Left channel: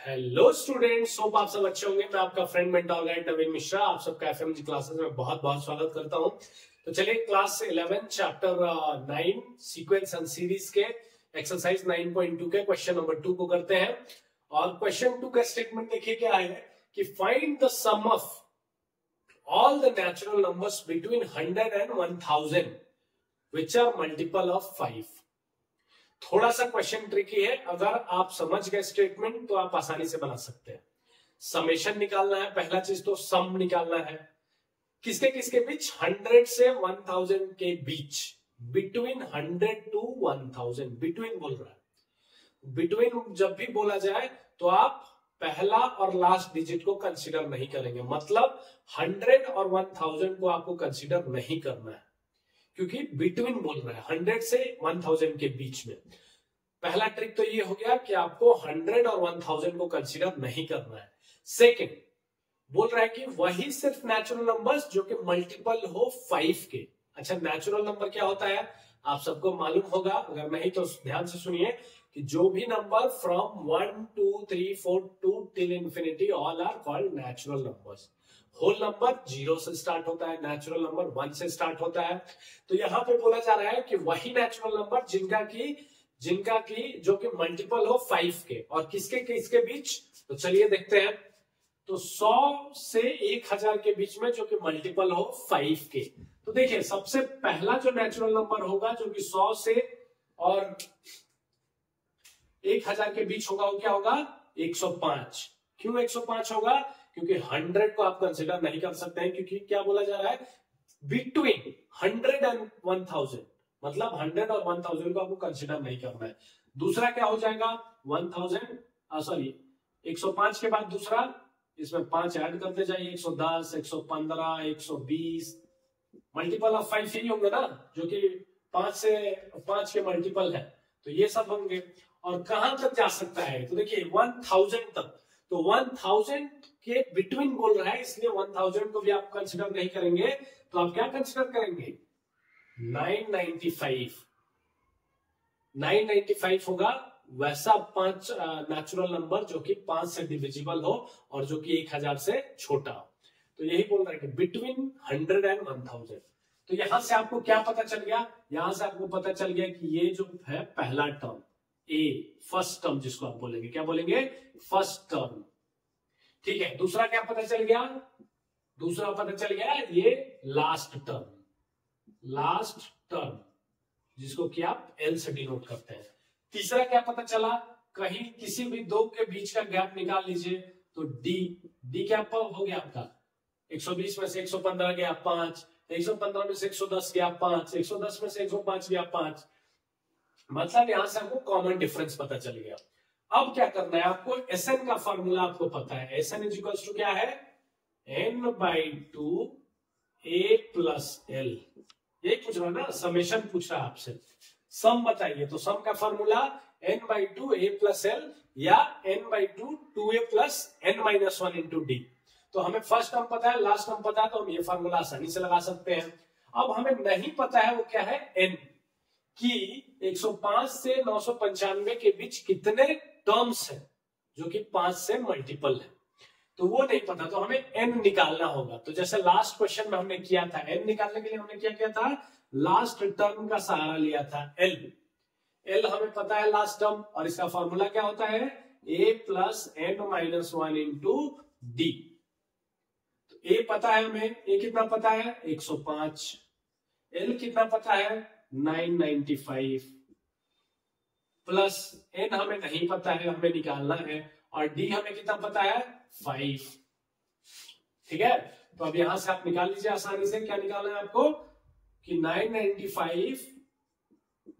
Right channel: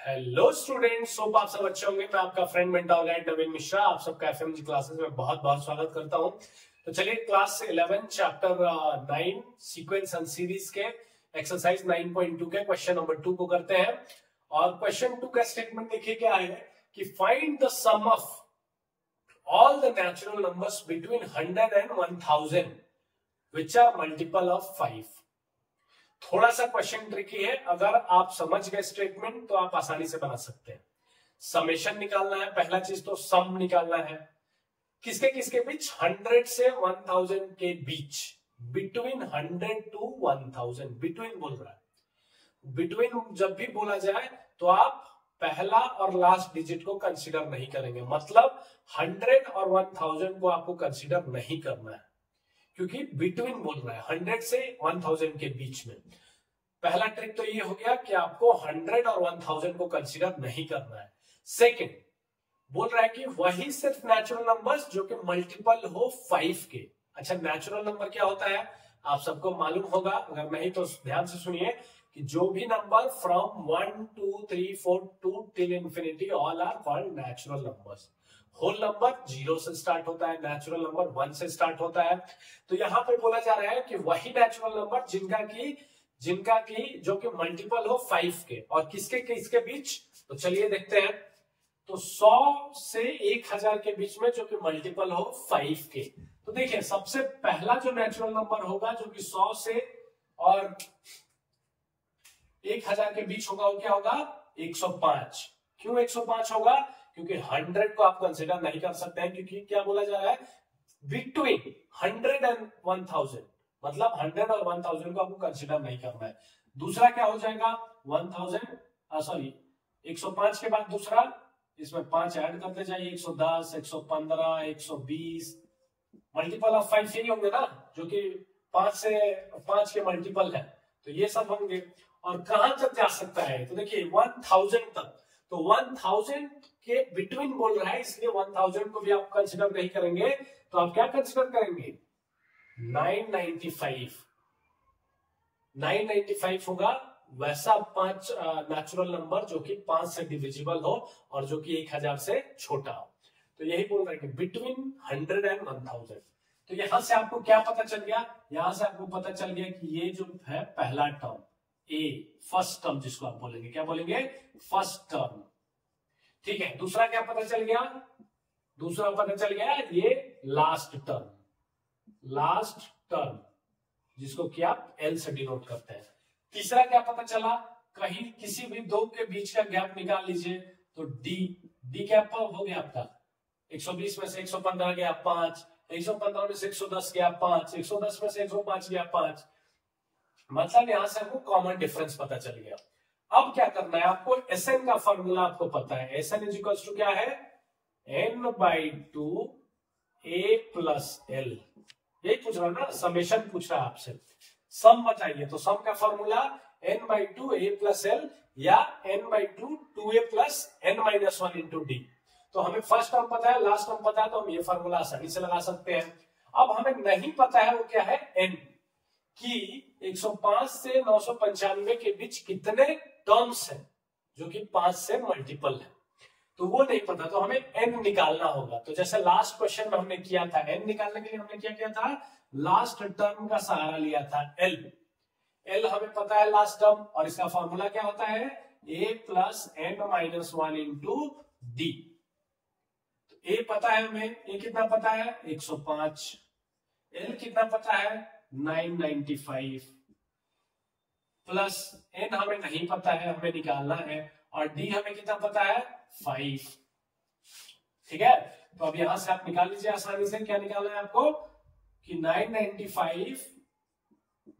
Hello students, hope आप सब अच्छे होंगे। मैं आपका फ्रेंड मेंटर गाइड नवीन मिश्रा आप सबका एफएमजी क्लासेस में बहुत बहुत स्वागत करता हूं। तो चलिए class 11 chapter 9 sequence and series के एक्सरसाइज 9.2 के क्वेश्चन नंबर 2 को करते हैं। और क्वेश्चन 2 का स्टेटमेंट देखिए क्या है कि find the sum of all the natural numbers between 100 and 1000 which are multiple of 5। थोड़ा सा क्वेश्चन ट्रिकी है, अगर आप समझ गए स्टेटमेंट तो आप आसानी से बना सकते हैं। समेशन निकालना है, पहला चीज तो सम निकालना है। किसके किसके बीच? 100 से 1000 के बीच, बिटवीन 100 टू 1000। बिटवीन बोल रहा है। बिटवीन जब भी बोला जाए तो आप पहला और लास्ट डिजिट को कंसीडर नहीं करेंगे, मतलब 100 और 1000 को आपको कंसीडर नहीं करना है, क्योंकि बिटवीन बोल रहा है 100 से 1000 के बीच में। पहला ट्रिक तो ये हो गया कि आपको 100 और 1000 को कंसीडर नहीं करना है। सेकंड बोल रहा है कि वही सिर्फ नेचुरल नंबर्स जो कि मल्टीपल हो 5 के। अच्छा, नेचुरल नंबर क्या होता है आप सबको मालूम होगा, अगर नहीं तो ध्यान से सुनिए कि जो भी number from 1 2 3 4 2 till infinity all are called natural numbers. Whole number 0 से स्टार्ट होता है, नेचुरल नंबर 1 से स्टार्ट होता है। तो यहां पे बोला जा रहा है कि वही नेचुरल नंबर जिनका की जो कि मल्टीपल हो 5 के, और किसके किसके बीच। तो चलिए देखते हैं। तो 100 से 1000 के बीच में जो कि मल्टीपल हो 5 के। तो देखिए सबसे पहला जो नेचुरल नंबर होगा जो कि 100 से और 1000 के बीच होगा वो क्या होगा? 105। क्यों 105 होगा? क्योंकि 100 को आप कंसिडर नहीं कर सकते हैं, क्योंकि क्या बोला जा रहा है बिटवीन 100 एंड 1000, मतलब 100 और 1000 को आपको कंसिडर नहीं करना है। दूसरा क्या हो जाएगा? 105 के बाद दूसरा, इसमें 5 ऐड करते जाइए, 110 115 120। मल्टीपल ऑफ 5 यही होंगे ना, जो कि 5 के मल्टीपल है, तो ये सब होंगे। और कहां तक जा सकता है? तो देखिए 1000 तक। तो 1000 के बिटवीन बोल रहा है, इसलिए 1000 को भी आप कंसिडर नहीं करेंगे। तो आप क्या कंसिडर करेंगे? 995 होगा वैसा 5 नेचुरल नंबर जो कि 5 से डिविजिबल हो और जो कि 1000 से छोटा हो। तो यही बोल रहा है कि बिटवीन 100 एंड 1000। तो यहां से आपको क्या पता चल गया? यहां से आपको पता चल गया कि ये जो है पहला टर्म ए, फर्स्ट टर्म जिसको आप बोलेंगे, क्या बोलेंगे? First term. ठीक है, दूसरा क्या पता चल गया? दूसरा पता चल गया ये लास्ट टर्म जिसको कि आप एल से डिनोट करते हैं। तीसरा क्या पता चला? कहीं किसी भी दो के बीच का गैप निकाल लीजिए, तो डी क्या हो गया आपका? 120 में से 115 गया 5, 115 में से 110 गया 5, 110 में से 105 गया 5। मतलब यहां से हमको कॉमन डिफरेंस पता चल गया। अब क्या करना है आपको? एसएन का फॉर्मूला आपको पता है। एसएन इज इक्वल टू क्या है? n/2 a plus L. ये पूछ रहा ना, समेशन पूछ रहा आपसे। सम बताइए, तो सम का formula n/2 a plus L या n/2 2a plus n-1 into D. तो हमें फर्स्ट टर्म पता है, लास्ट टर्म पता है, तो हम ये फॉर्मूला आसानी से लगा सकते हैं। अब हमें नहीं पता है वो क्या है? n कि 105 से 995 के बीच कितने टर्म्स हैं जो कि 5 से मल्टीपल है, तो वो नहीं पता। तो हमें n निकालना होगा। तो जैसे लास्ट क्वेश्चन में हमने किया था, n निकालने के लिए हमने क्या किया था? लास्ट टर्म का सहारा लिया था, l हमें पता है लास्ट टर्म, और इसका फॉर्मूला क्या होता है? a plus n-1 into D. तो a पता है हमें, a कितना पता है? 105। l कितना पता है? 995 प्लस n हमें नहीं पता है, हमें निकालना है, और d हमें कितना पता है? 5। ठीक है, तो अब यहां से आप निकाल लीजिए आसानी से। क्या निकालना है आपको? कि 995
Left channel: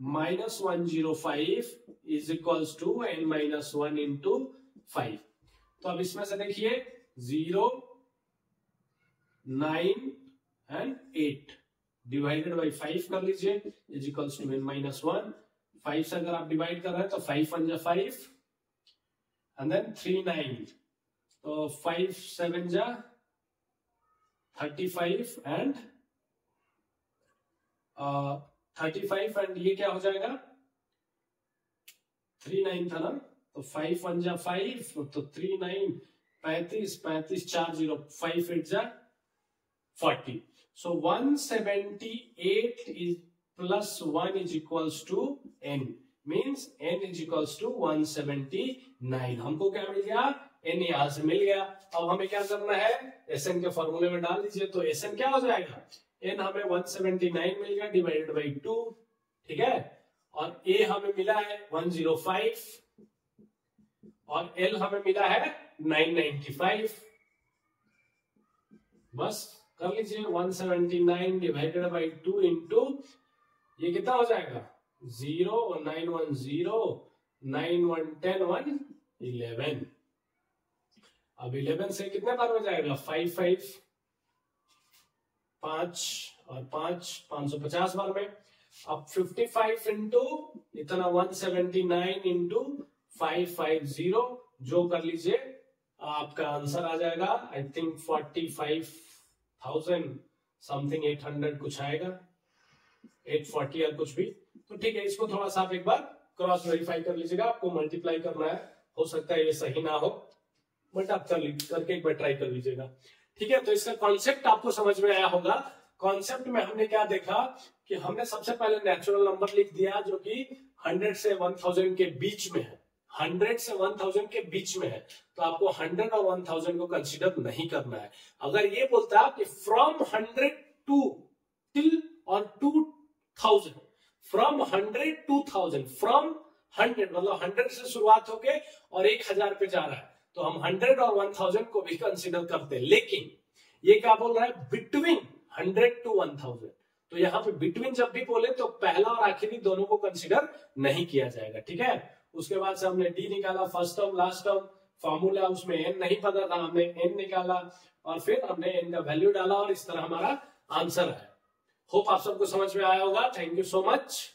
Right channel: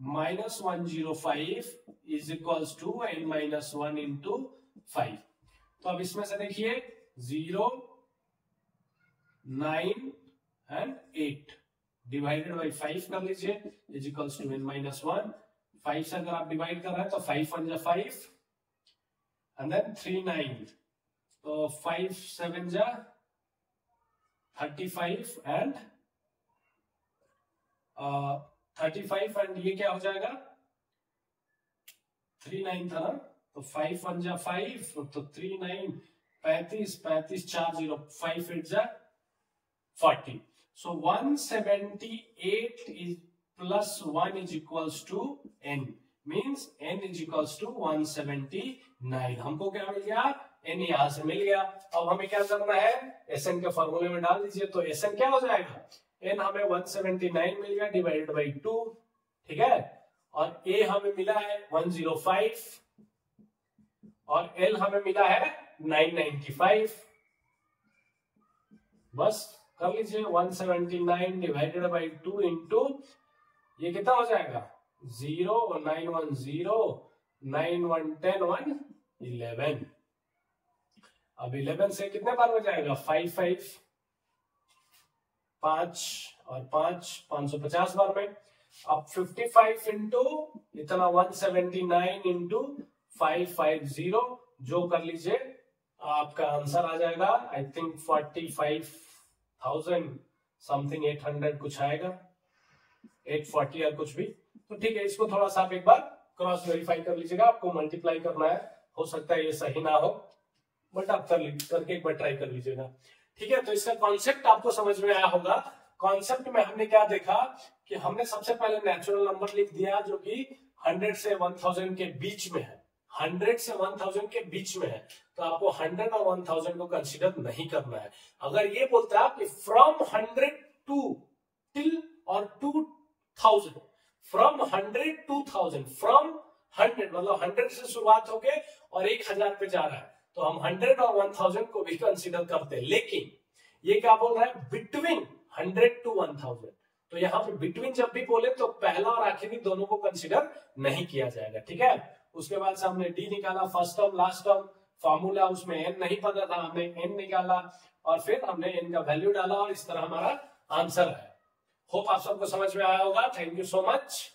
minus 105 is equals to n-1 into 5। तो अब इसमें से देखिए 0 9 एंड 8 डिवाइडेड बाई 5 कर लीजिए, इज इक्वल्स टू n-1। 5 से अगर आप डिवाइड कर रहे हैं तो 5 1 जा 5 एंड देन 3 9, तो 5 7 जा 35 एंड 35 एंड ये क्या हो जाएगा? 3 9 था ना, तो 5 1 जा 5, तो 3 9 35, 35 4 0, 5 8 जा 40. So 178 is plus 1 is equals to n, means n is equals to 179. हमको क्या मिल गया? n यहां से मिल गया. अब हमें क्या करना है? Sn के फॉर्मूले में डाल दीजिए. तो Sn क्या हो जाएगा? n हमें 179 मिल गया डिवाइडेड बाई 2, ठीक है, और a हमें मिला है 105 और l हमें मिला है 995. बस कर लीजिए 179 डिवाइडेड बाई 2 इंटू ये कितना हो जाएगा? 0 910 9 1 10 1 11. अब 11 से कितने बार हो जाएगा? 5 5 5 और 5 550 बार में. अब 55 इंटू इतना 179 इंटू 550 जो कर लीजिए आपका आंसर आ जाएगा आई थिंक 45,000 समथिंग 800 कुछ आएगा, 840 या कुछ भी. तो ठीक है, इसको थोड़ा सा आप एक बार क्रॉस वेरीफाई कर लीजिएगा. आपको मल्टीप्लाई करना है, हो सकता है ये सही ना हो, बट आप करके एक बार ट्राई कर लीजिएगा. ठीक है, तो इसका कॉन्सेप्ट आपको समझ में आया होगा. कॉन्सेप्ट में हमने क्या देखा कि हमने सबसे पहले नेचुरल नंबर लिख दिया जो कि 100 से 1000 के बीच में है. 100 से 1000 के बीच में है, तो आपको 100 और 1000 को कंसीडर नहीं करना है. अगर ये बोलता कि फ्रॉम 100 टू टिल और 2000, फ्रॉम 100 टू 1000, फ्रॉम 100 मतलब 100 से शुरुआत होके और 1000 पे जा रहा है, तो हम 100 और 1000 को भी कंसीडर करते हैं. लेकिन ये क्या बोल रहा है? Between 100 to 1000. तो यहाँ पे बिटवीन जब भी बोले तो पहला और आखिरी दोनों को कंसीडर नहीं किया जाएगा. ठीक है, उसके बाद से हमने डी निकाला, first term last term, formula उसमें एन नहीं पता था, हमने एन निकाला और फिर हमने एन का वैल्यू डाला और इस तरह हमारा आंसर है. होप आप सबको समझ में आया होगा. Thank you so much.